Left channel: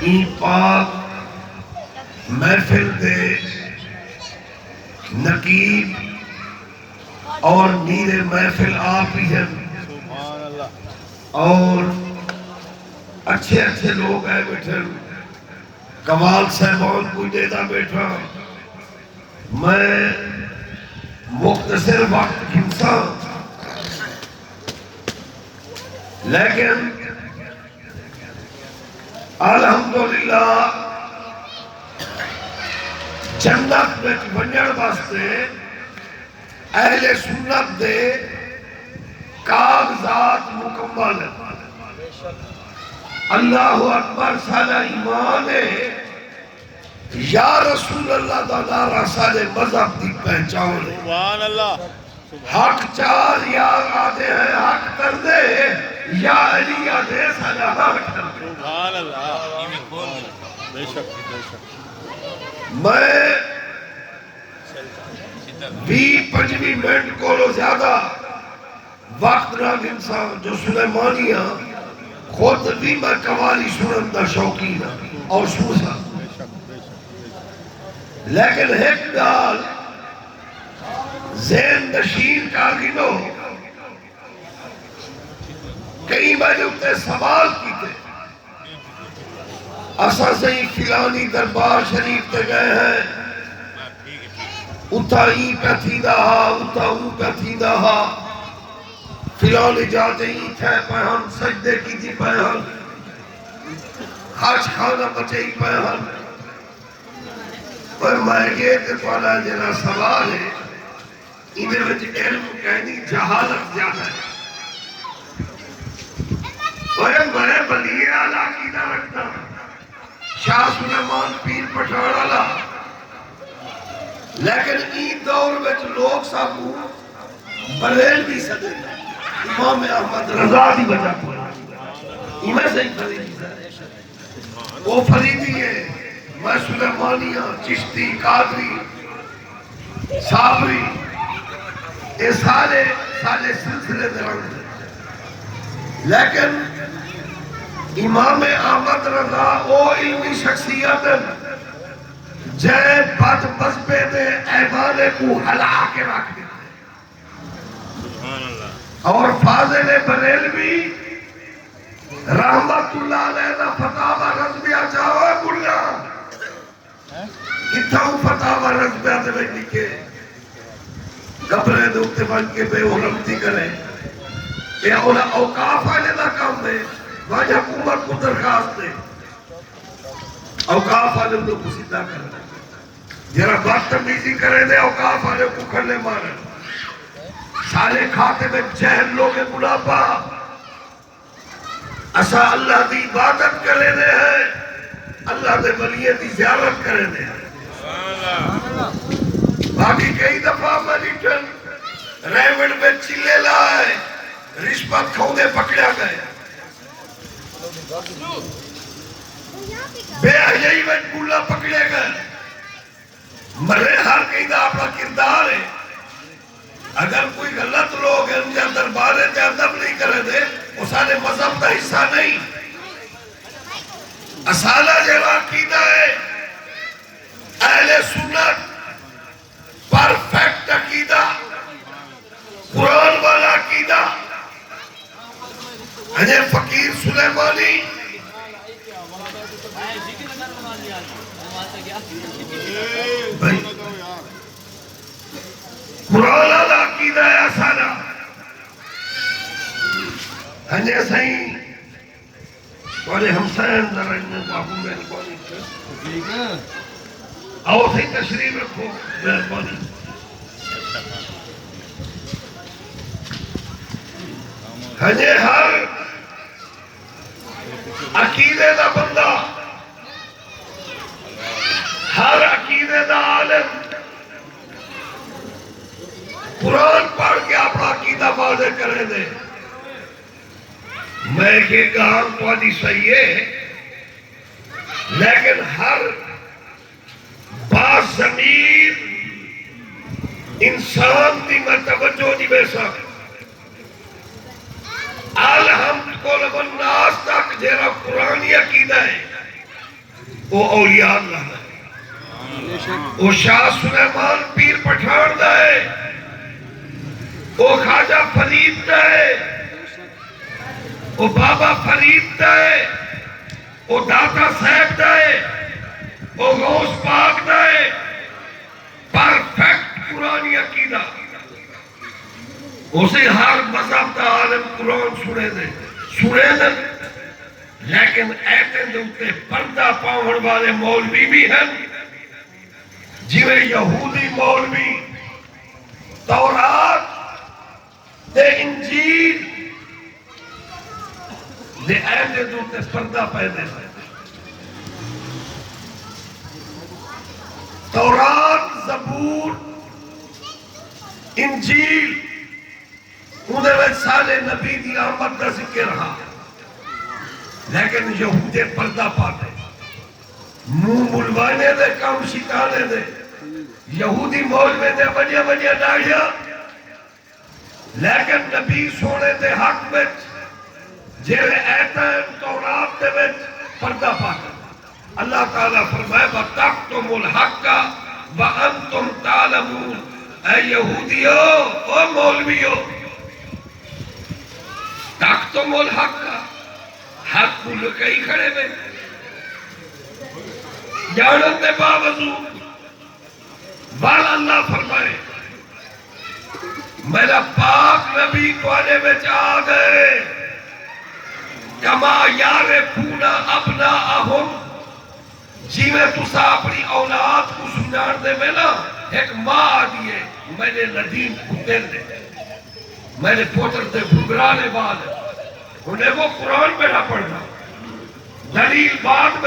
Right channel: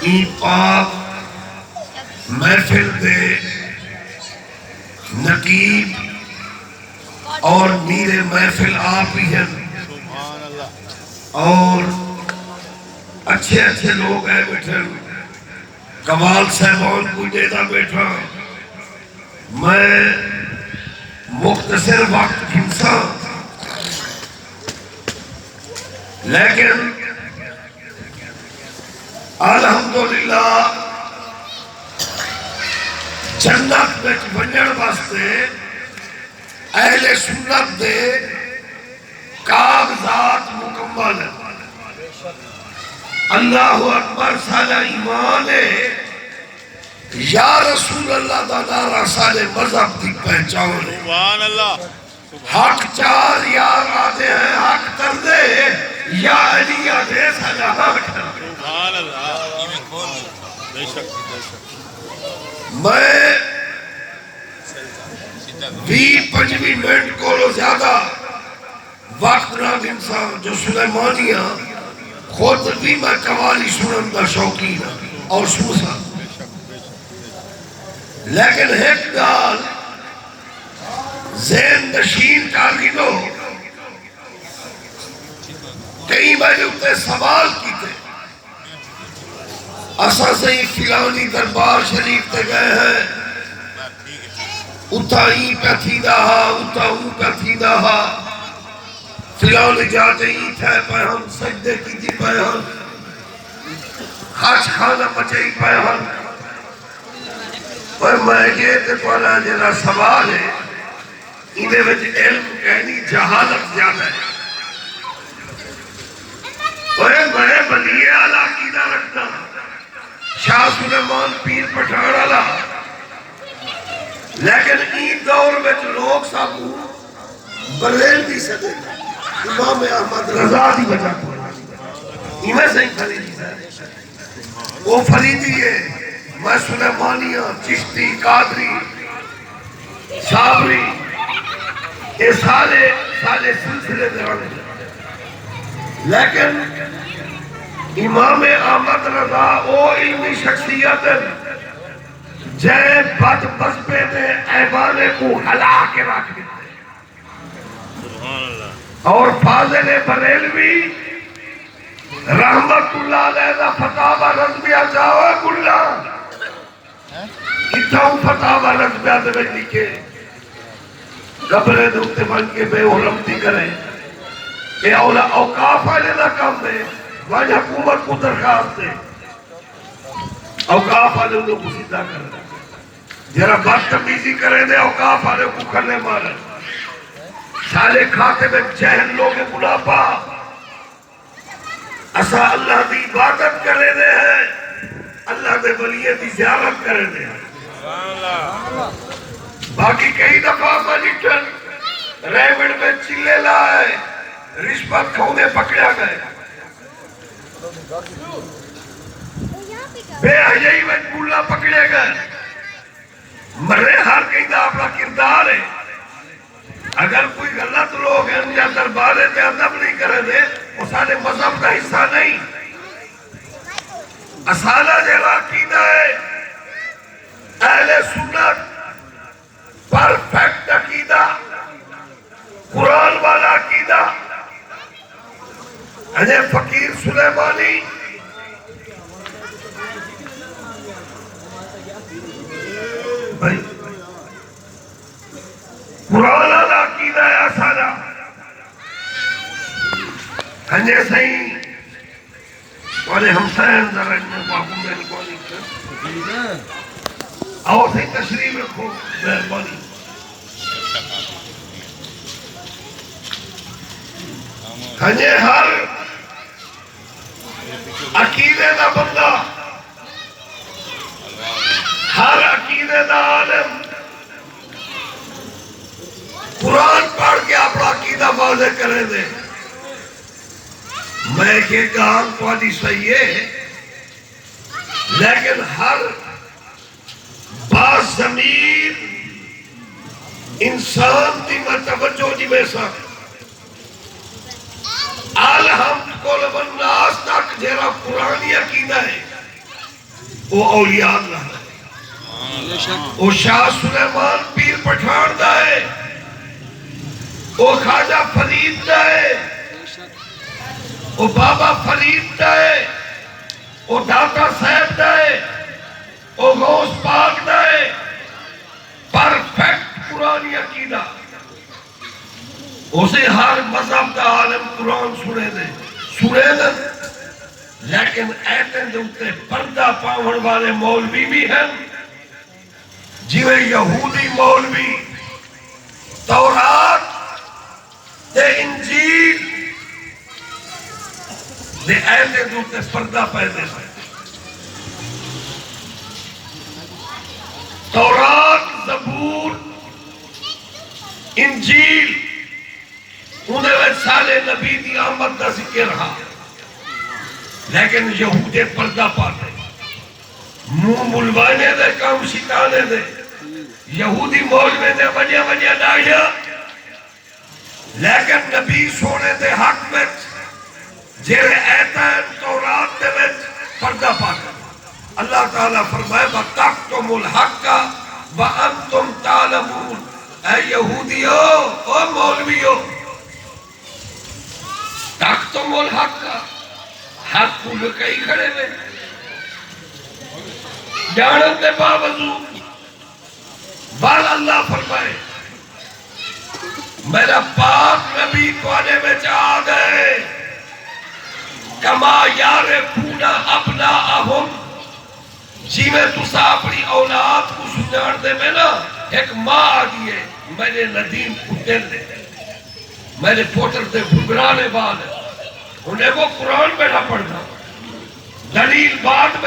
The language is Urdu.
ای پاک محفل دے نقیب اور میر محفل آپ ہی ہیں اور اچھے اچھے لوگ ہیں بیٹھے کمال صاحبان کوئی دیتا بیٹھا میں مختصر وقت کھنسا لیکن الحمدللہ جنت میں بننے واسطے اہل سنت دے کاغذات مکمل اللہ اکبر سارا ایمان ہے یا رسول اللہ دا نعرہ سارے مذہب کی پہچان ہے سبحان اللہ حق چار یار آدھے ہیں حق کر دے یا علی آدھے سارا حق کر دے سبحان اللہ بے شک بے شک میں 20-25 منٹ کو زیادہ وقت نہ گنسا جو سلیمانیہ خود بھی میں قوالی سنن دا شوقین اور سنسا لیکن ایک گال ذہن نشین کارگینو کئی میں نے اتنے سوال کیتے اساں سے ہی فلانی دربار شریف تے گئے ہیں اتھا ہی پہ تھی دہا اتھا ہوں پہ تھی دہا فلان جاتے ہی تھے پہ ہم سجدے کی تھی پہ ہم خاص خانہ بچائی پہ ہم پر میں یہ کہ پہلا جنہ سوال ہے انہیں وچ علم کہنی جہالت زیادہ ہے میں ولی اعلی عقیدہ رکھتا شاہ سلیمان پیر پٹھان والا لیکن این دور میں لوگ سابو بریل بھی سکتے امام احمد رضا دی وجہ کو انہیں سے ہی فریدی ہے وہ فریدی ہے میں سلیمانیہ چشتی قادری صابری یہ سارے سلسلے دران لیکن امام احمد رضا او علمی شخصیت جے بد مذہبے دے ایوانے کو ہلا کے رکھ دیتے اور فاضل بریلوی رحمت اللہ علیہ دا فتاوہ رضویہ جاوہ کلا اتھاؤں فتاوہ رضویہ دے لکھے گبرے دے اتے بن کے بے علمتی کریں کہ اوقاف آنے نہ کام دے واجہ حکومت کو درخواست دے اوقاف آنے لوگ کو سیدھا کر دے جرہ بدتمیزی کرے دے اوقاف آنے کو کھلے مارے سالے کھاتے میں جہن لوگ بلا پا اسا اللہ دی عبادت کرے دے ہیں اللہ دے ولیے دی زیارت کرے دے ہیں باقی کئی دفعہ مجھن ریمنڈ میں چلے لائے رشبت کھونے پکڑا گئے بے حجائی میں بولا پکڑے گئے مرے ہر کئی دا اپنا کردار ہے اگر کوئی غلط لوگ ہیں یا دربارے تے ادب نہیں کرے دے وہ سارے مذہب کا حصہ نہیں اصالہ جیلا عقیدہ ہے اہل سنت پرفیکٹ عقیدہ قرآن والا عقیدہ ہے فقیر سلیمانی قرآن والا عقیدہ ہے اصالہ ہے صحیح اور ہمسائن درن میں بابو میں آؤ صحیح تشریف رکھو مہربانی ہجے ہر عقیدے دا بندہ ہر عقیدے دا عالم قرآن پڑھ کے اپنا عقیدہ واضح کرے دے میں کہ کام پوری صحیح ہے لیکن ہر باز ضمیر انسان دی میں توجہ دی بے سکتا الحمد کل والناس تک جیرا قرآنی عقیدہ ہے وہ اولیاء اللہ ہے، وہ شاہ سلیمان پیر پٹھان دا ہے، وہ خواجہ فرید دا ہے، وہ بابا فرید دا ہے، وہ داتا صاحب دا ہے، وہ غوث پاک دا ہے، پرفیکٹ قرآنی عقیدہ۔ اسے ہر مذہب دا عالم قرآن سنے دے، لیکن ایتے دے پردہ پاون والے مولوی بھی ہیں، جویں یہودی مولوی تورات تے انجیل دے ایتے دے پردہ پیدے سے۔ تورات، زبور، انجیل انہیں میں سالے نبی دی آمد کا ذکر رہا، لیکن یہودے پردہ پاتے، منہ ملوانے دے، کام شکانے دے، یہودی مولوی دے وجہ ڈائیا، لیکن نبی سونے دے حق میں جیرے ایتا ہے تورات دے میں پردہ پاتے۔ اللہ تعالیٰ فرمائے وَتَقْتُمُ الْحَقَّ وَأَنْتُمْ تَعْلَمُونَ، اے یہودیو، او مولویو، تَقْتُمُ الْحَقَّ، حق کو لکئی کھڑے میں جانت کے باوجود، بل اللہ فرمائے میرا پاک نبی کونے میں آ گئے، کما یعرفون ابناءہم، جی میں تسا اپنی اولاد کو سجان دے میں نا، ایک ماں آگئی ہے، میرے ندیم کتے دے، میرے پوتر دے بھگرانے والے، انہیں وہ قرآن میں نہ پڑھنا، دلیل بعد میں